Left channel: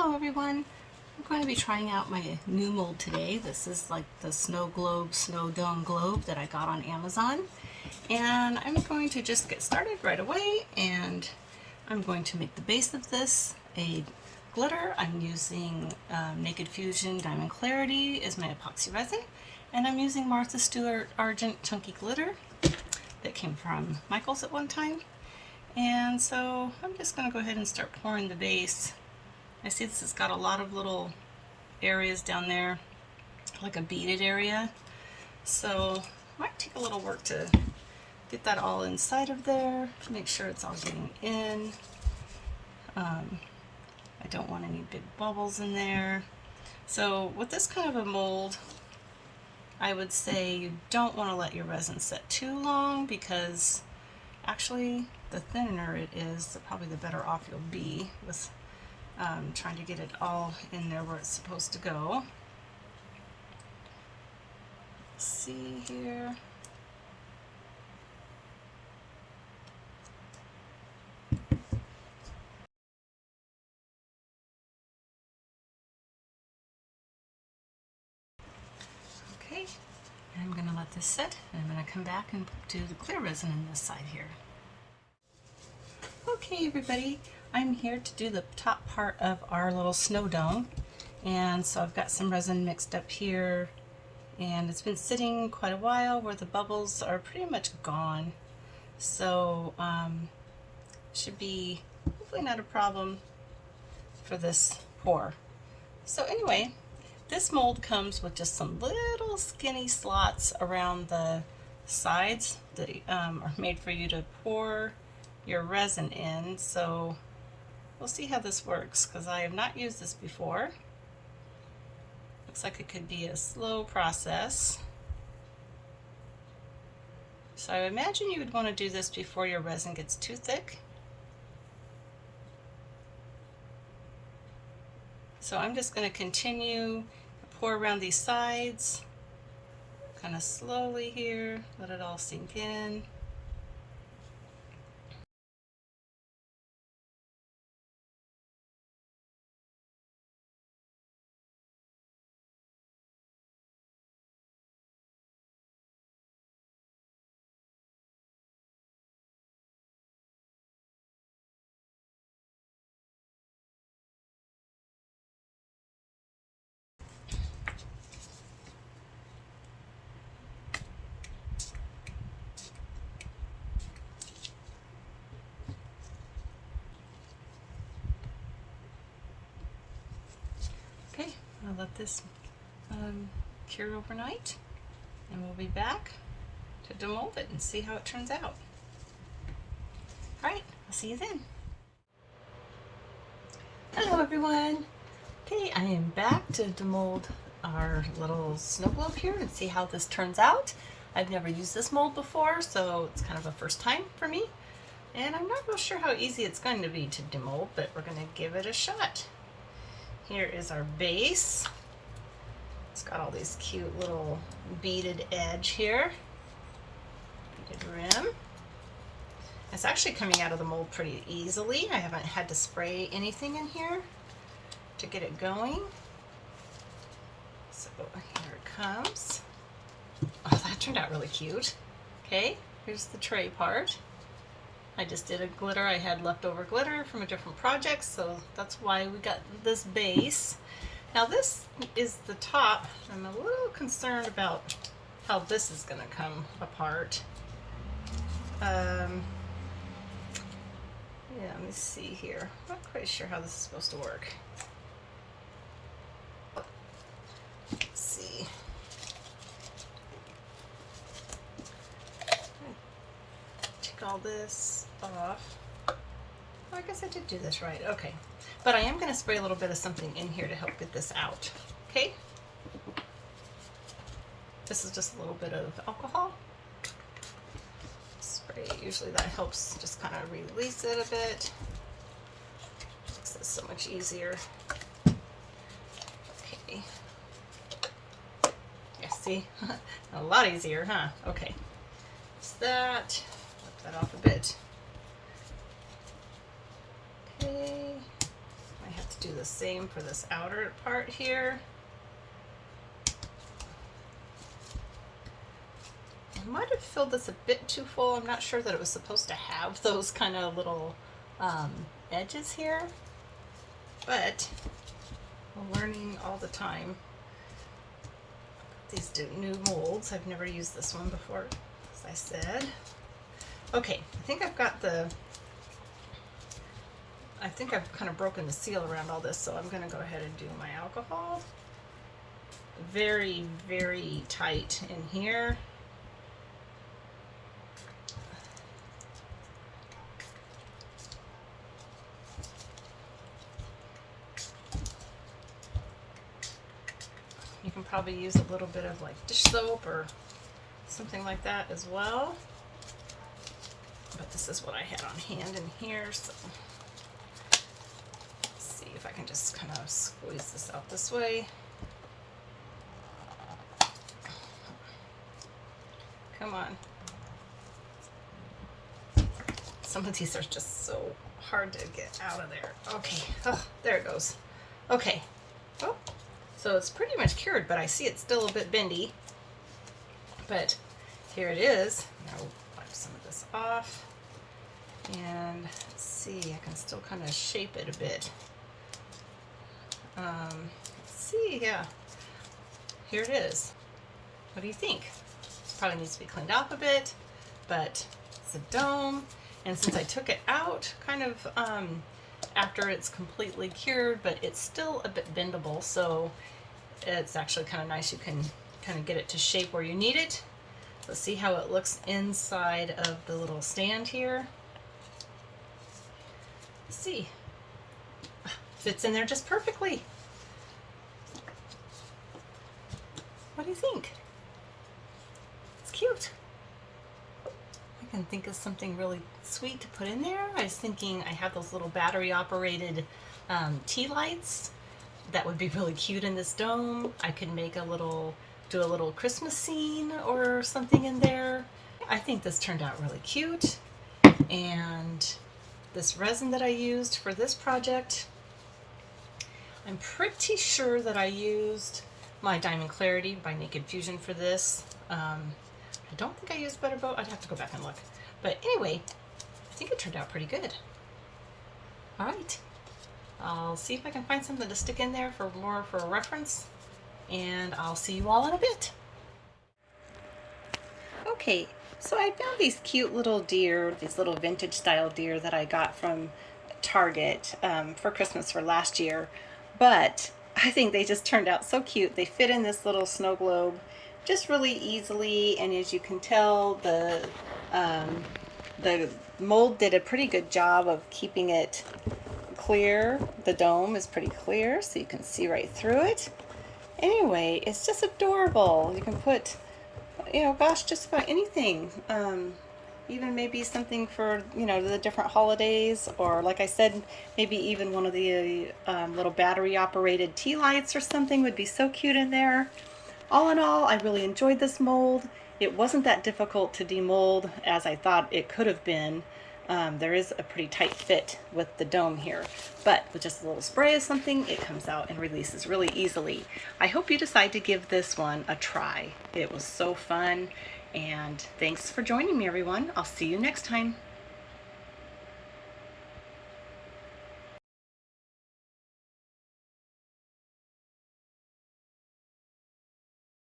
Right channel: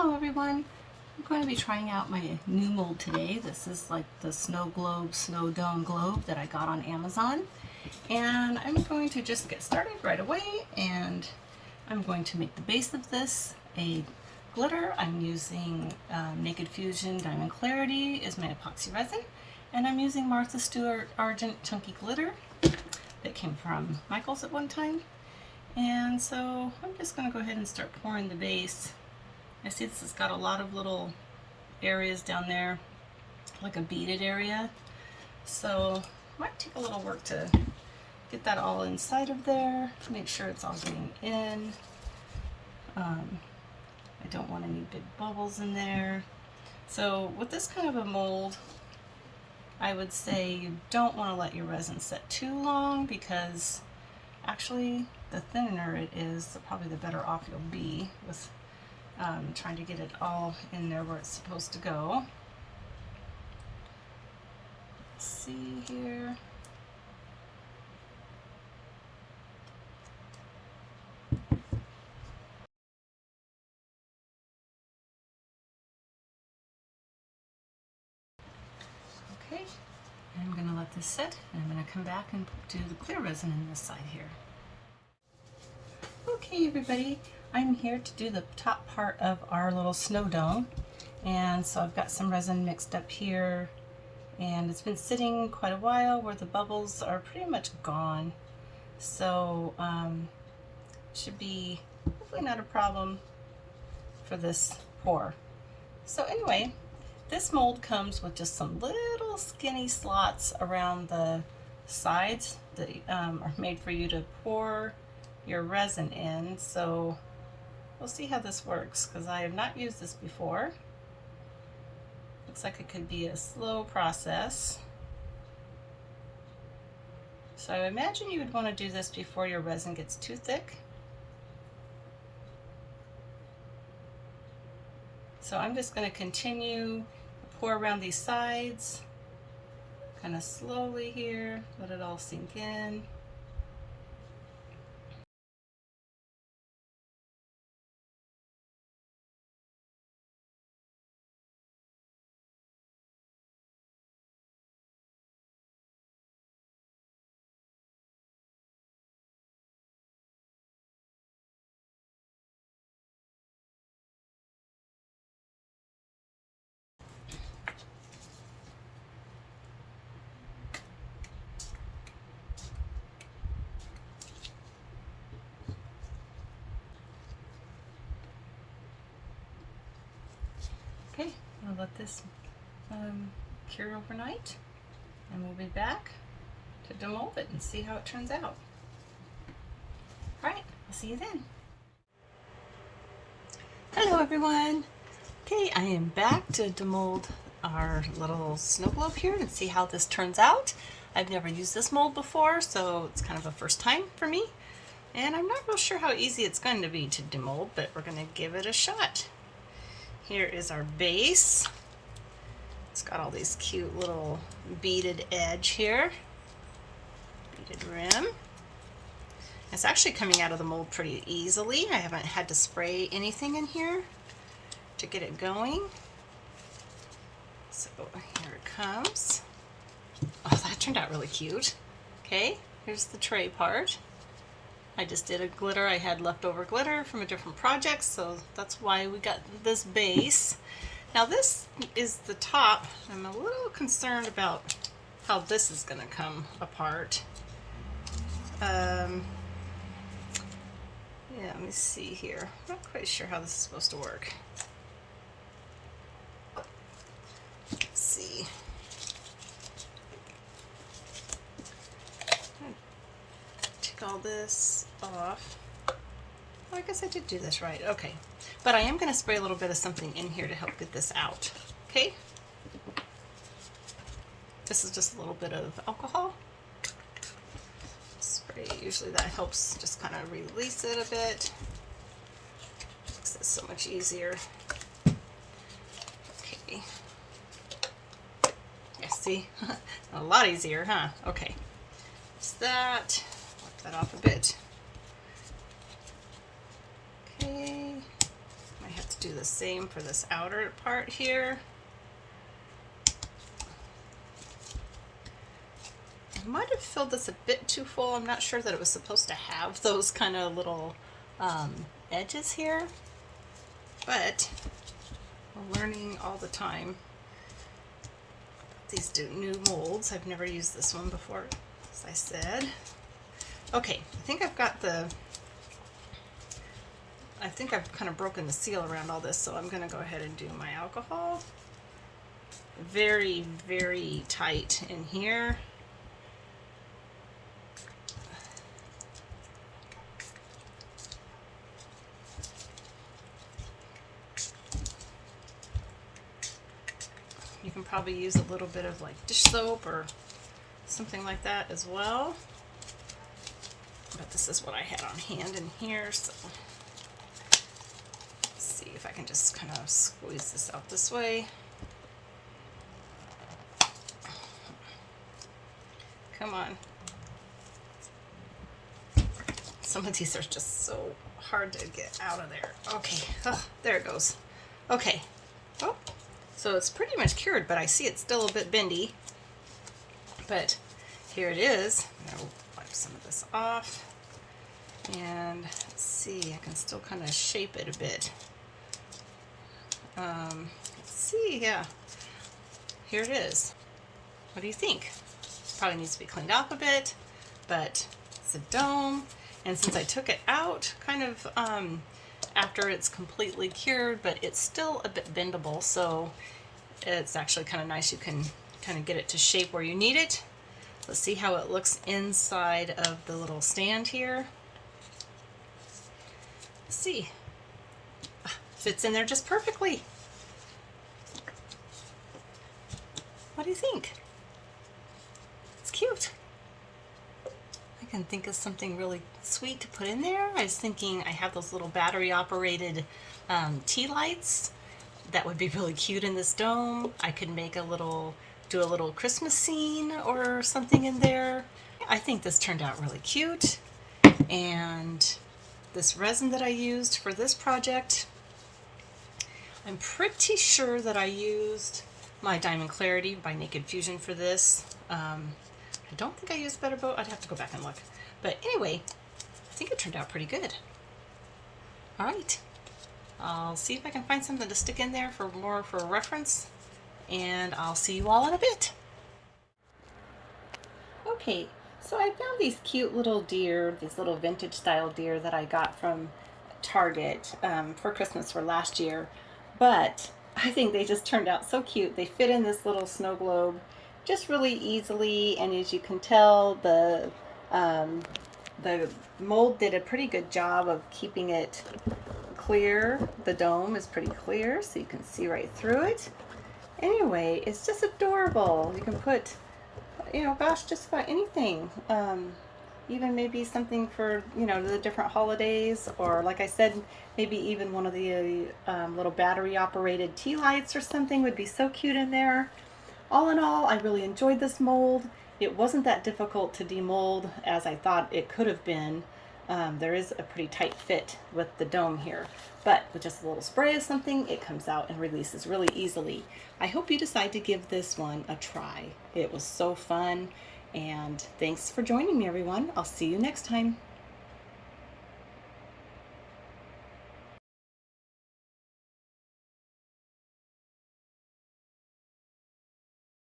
Hello everyone. I'm going to be trying out my new mold today. This is like the snow globe, snow dome globe that I got on Amazon. And I'm going to just get started right away, and I'm going to make the base of this a glitter. I'm using Naked Fusion Diamond Clarity is my epoxy resin, and I'm using Martha Stewart Argent Chunky Glitter that came from Michael's at one time. And so I'm just going to go ahead and start pouring the base. I see this has got a lot of little areas down there, like a beaded area. So it might take a little work to get that all inside of there, to make sure it's all getting in. I don't want any big bubbles in there. So with this kind of a mold, I would say you don't want to let your resin set too long, because actually the thinner it is, probably the better off you'll be with trying to get it all in there where it's supposed to go. Let's see here. Okay, and I'm going to let this sit, and I'm going to come back and do the clear resin on this side here. Okay everybody, I'm here to do the top part of our little snow dome, and so I've got some resin mixed up here, and it's been sitting quite a while where the bubbles are pretty much gone. So should be hopefully not a problem for this pour. So anyway, this mold comes with just some little skinny slots around the sides that are made for you to pour your resin in. So we'll see how this works, because I have not used this before. Looks like it could be a slow process. So I imagine you would want to do this before your resin gets too thick. So I'm just going to continue to pour around these sides, kind of slowly here, let it all sink in. Okay, I'll let this cure overnight, and we'll be back to demold it and see how it turns out. All right, I'll see you then. Hello everyone. Okay, I am back to demold our little snow globe here and see how this turns out. I've never used this mold before, so it's kind of a first time for me, and I'm not real sure how easy it's going to be to demold, but we're going to give it a shot. Here is our base. It's got all these cute little beaded edge here, beaded rim. It's actually coming out of the mold pretty easily. I haven't had to spray anything in here to get it going. So here it comes. Oh, that turned out really cute. Okay, here's the tray part. I just did a glitter. I had leftover glitter from a different project, so that's why we got this base. Now this is the top. I'm a little concerned about how this is going to come apart. Yeah, let me see here. I'm not quite sure how this is supposed to work. Let's see. Take all this off. Well, I guess I did do this right. Okay. But I am going to spray a little bit of something in here to help get this out. Okay? This is just a little bit of alcohol. Spray. Usually that helps just kind of release it a bit. Makes it so much easier. Okay. Yeah, see? A lot easier, huh? Okay. Just that. Wipe that off a bit. Okay. I have to do the same for this outer part here. I might have filled this a bit too full. I'm not sure that it was supposed to have those kind of little edges here, but we're learning all the time. These new molds. I've never used this one before, as I said. Okay, I think I've kind of broken the seal around all this, so I'm going to go ahead and do my alcohol. Very, very tight in here. You can probably use a little bit of like dish soap or something like that as well. But this is what I had on hand in here, so let's see if I can just kind of squeeze this out this way. Come on. Some of these are just so hard to get out of there. Okay, oh, there it goes. Okay, oh, so it's pretty much cured, but I see it's still a bit bendy. But here it is. I'll wipe some of this off. And let's see, I can still kind of shape it a bit. Let's see, yeah. Here it is. What do you think? Probably needs to be cleaned up a bit, but it's a dome. And since I took it out kind of after it's completely cured, but it's still a bit bendable, so it's actually kind of nice. You can kind of get it to shape where you need it. Let's see how it looks inside of the little stand here. Let's see. Fits in there just perfectly. What do you think? It's cute. I can think of something really sweet to put in there. I was thinking I have those little battery operated tea lights that would be really cute in this dome. I could make do a little Christmas scene or something in there. I think this turned out really cute. And this resin that I used for this project, I'm pretty sure that I used my Diamond Clarity by Naked Fusion for this. I don't think I used Better Boat. I'd have to go back and look. But anyway, I think it turned out pretty good. All right. I'll see if I can find something to stick in there for reference, and I'll see you all in a bit. Okay, so I found these cute little deer, these little vintage style deer that I got from Target for Christmas for last year, but I think they just turned out so cute. They fit in this little snow globe just really easily, and as you can tell, the mold did a pretty good job of keeping it clear. The dome is pretty clear, so you can see right through it. Anyway, it's just adorable. You can put, gosh, just about anything. Even maybe something for, the different holidays, or like I said, maybe even one of the little battery operated tea lights or something would be so cute in there. All in all, I really enjoyed this mold. It wasn't that difficult to demold as I thought it could have been. There is a pretty tight fit with the dome here, but with just a little spray of something, it comes out and releases really easily. I hope you decide to give this one a try. It was so fun, and thanks for joining me, everyone. I'll see you next time.